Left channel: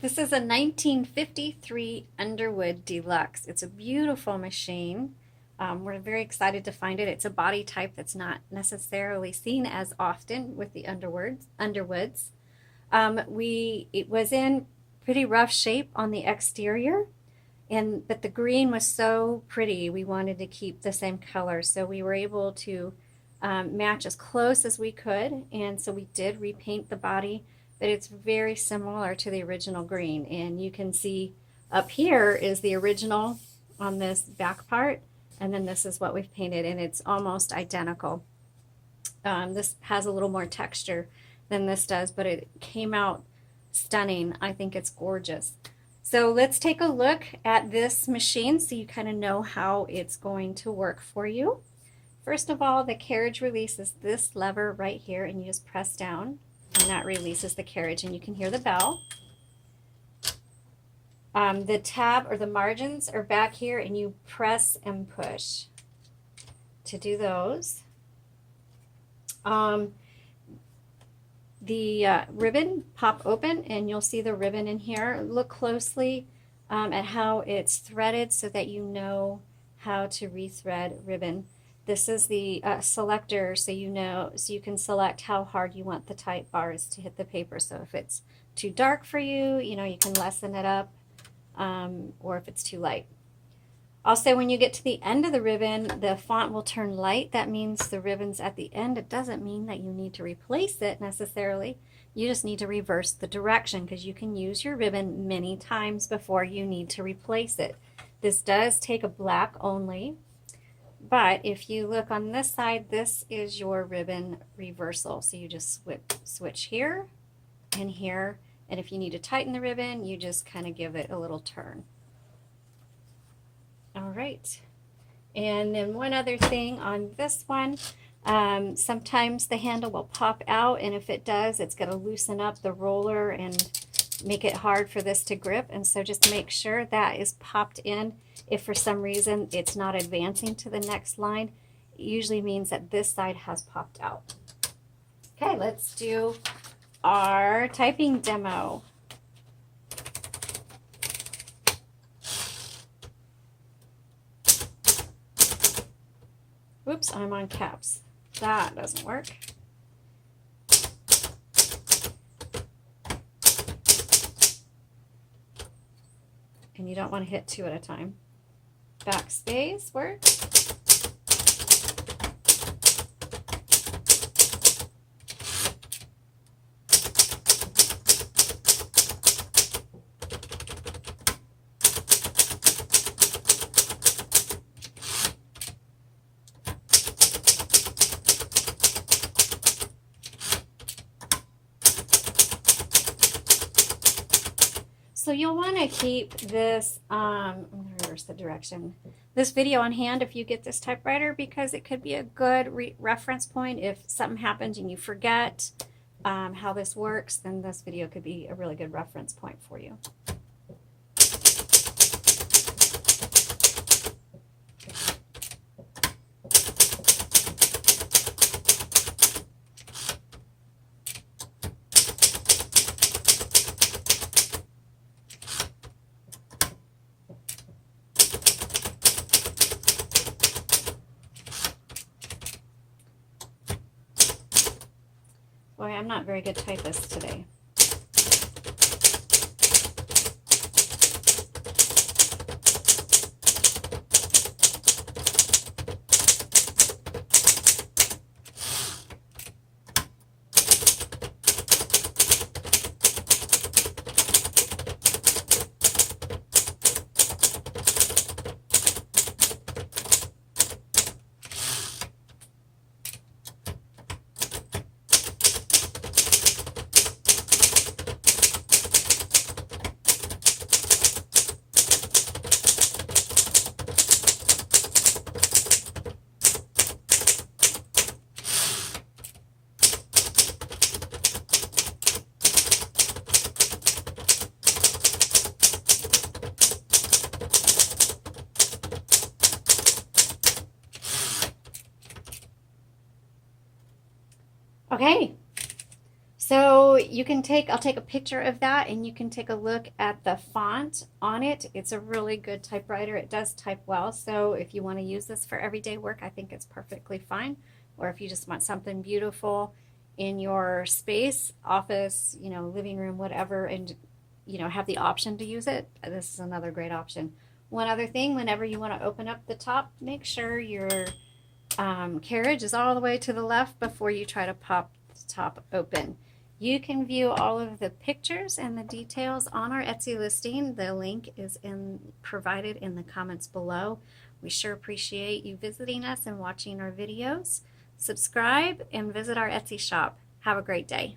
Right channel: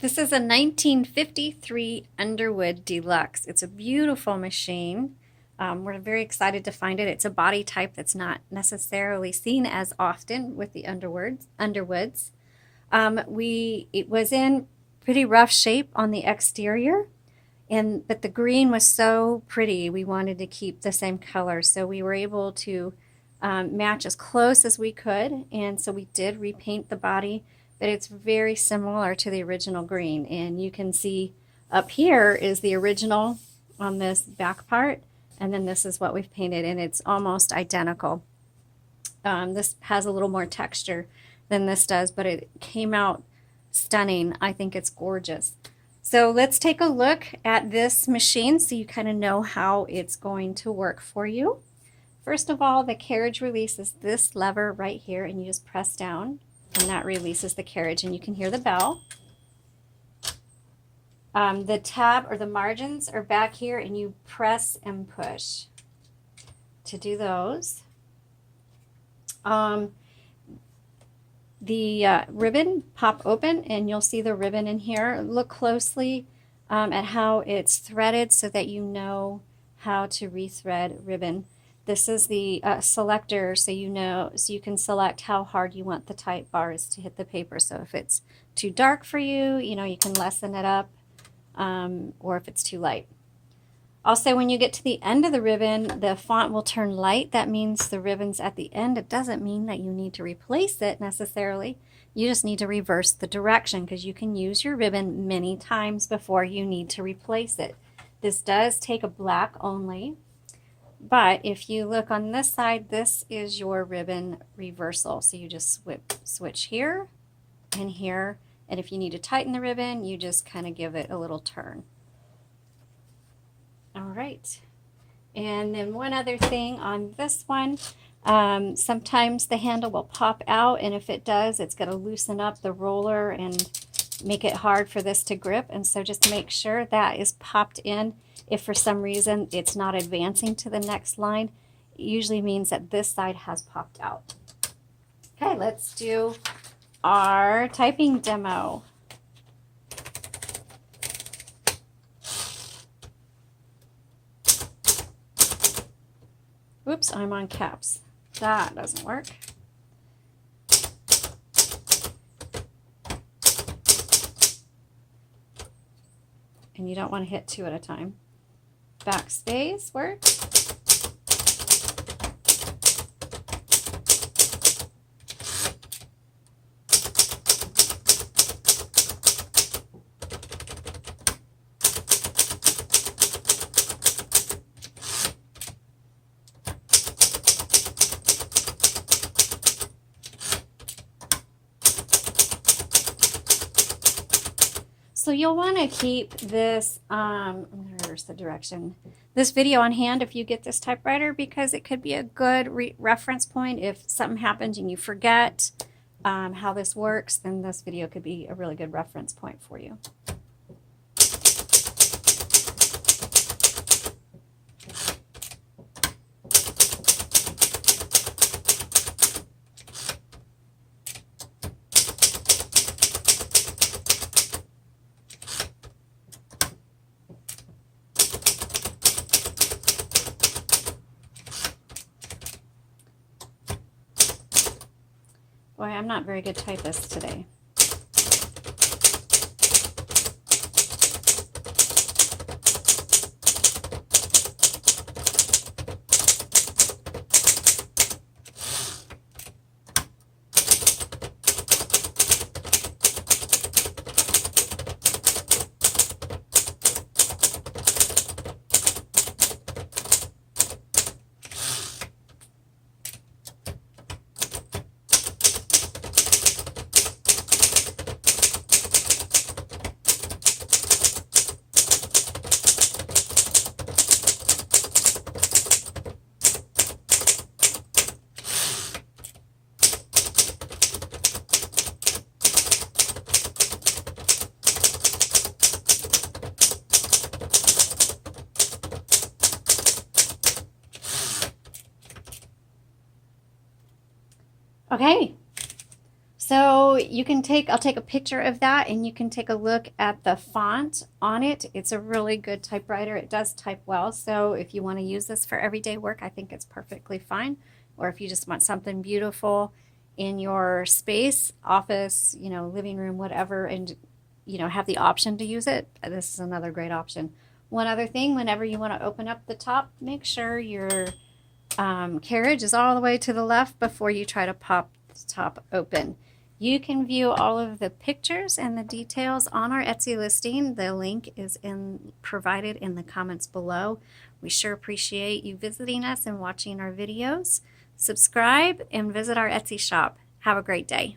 This is a 1953 Underwood Deluxe. It's a beautiful machine. We're very excited to find it. It's a body type that's not necessarily seen as often with the Underwoods. It was in pretty rough shape on the exterior, but the green was so pretty. We wanted to keep the same color, so we were able to match as close as we could, and so we did repaint the body, but it's very similar to the original green. And you can see up here is the original on this back part, and then this is what we've painted, and it's almost identical. This has a little more texture than this does, but it came out stunning. I think it's gorgeous. So let's take a look at this machine so you kind of know how it's going to work for you. First of all, the carriage releases this lever right here, and you just press down, and that releases the carriage, and you can hear the bell. The tab or the margins are back here, and you press and push to do those. The ribbon pop open, and you'll see the ribbon in here. Look closely at how it's threaded so that you know how to rethread ribbon. This is the selector, so you can select how hard you want the type bars to hit the paper. So if it's too dark for you, you can lessen it up, or if it's too light. Also, when you get to the end of the ribbon, the font will turn light. That means the ribbon's at the end. It doesn't mean that you need to replace it necessarily. You just need to reverse the direction, because you can use your ribbon many times before you need to replace it. This does take a black only, but if you look on this side, this is your ribbon reversal. So you just switch here and here, and if you need to tighten the ribbon, you just kind of give it a little turn. All right, and then one other thing on this one, sometimes the handle will pop out, and if it does, it's going to loosen up the roller and make it hard for this to grip, and so just make sure that is popped in. If for some reason it's not advancing to the next line, it usually means that this side has popped out. Okay, let's do our typing demo. Oops, I'm on caps. That doesn't work. And you don't want to hit two at a time. Backspace works. So you'll want to keep this, I'm going to reverse the direction, this video on hand if you get this typewriter, because it could be a good reference point. If something happens and you forget how this works, then this video could be a really good reference point for you. Boy, I'm not very good typist today. Okay, So you can I'll take a picture of that and you can take a look at the font on it. It's a really good typewriter. It does type well. So if you want to use this for everyday work, I think it's perfectly fine. Or if you just want something beautiful in your space, office, living room, whatever, and have the option to use it, this is another great option. One other thing, whenever you want to open up the top, make sure your carriage is all the way to the left before you try to pop the top open. You can view all of the pictures and the details on our Etsy listing. The link is provided in the comments below. We sure appreciate you visiting us and watching our videos. Subscribe and visit our Etsy shop. Have a great day.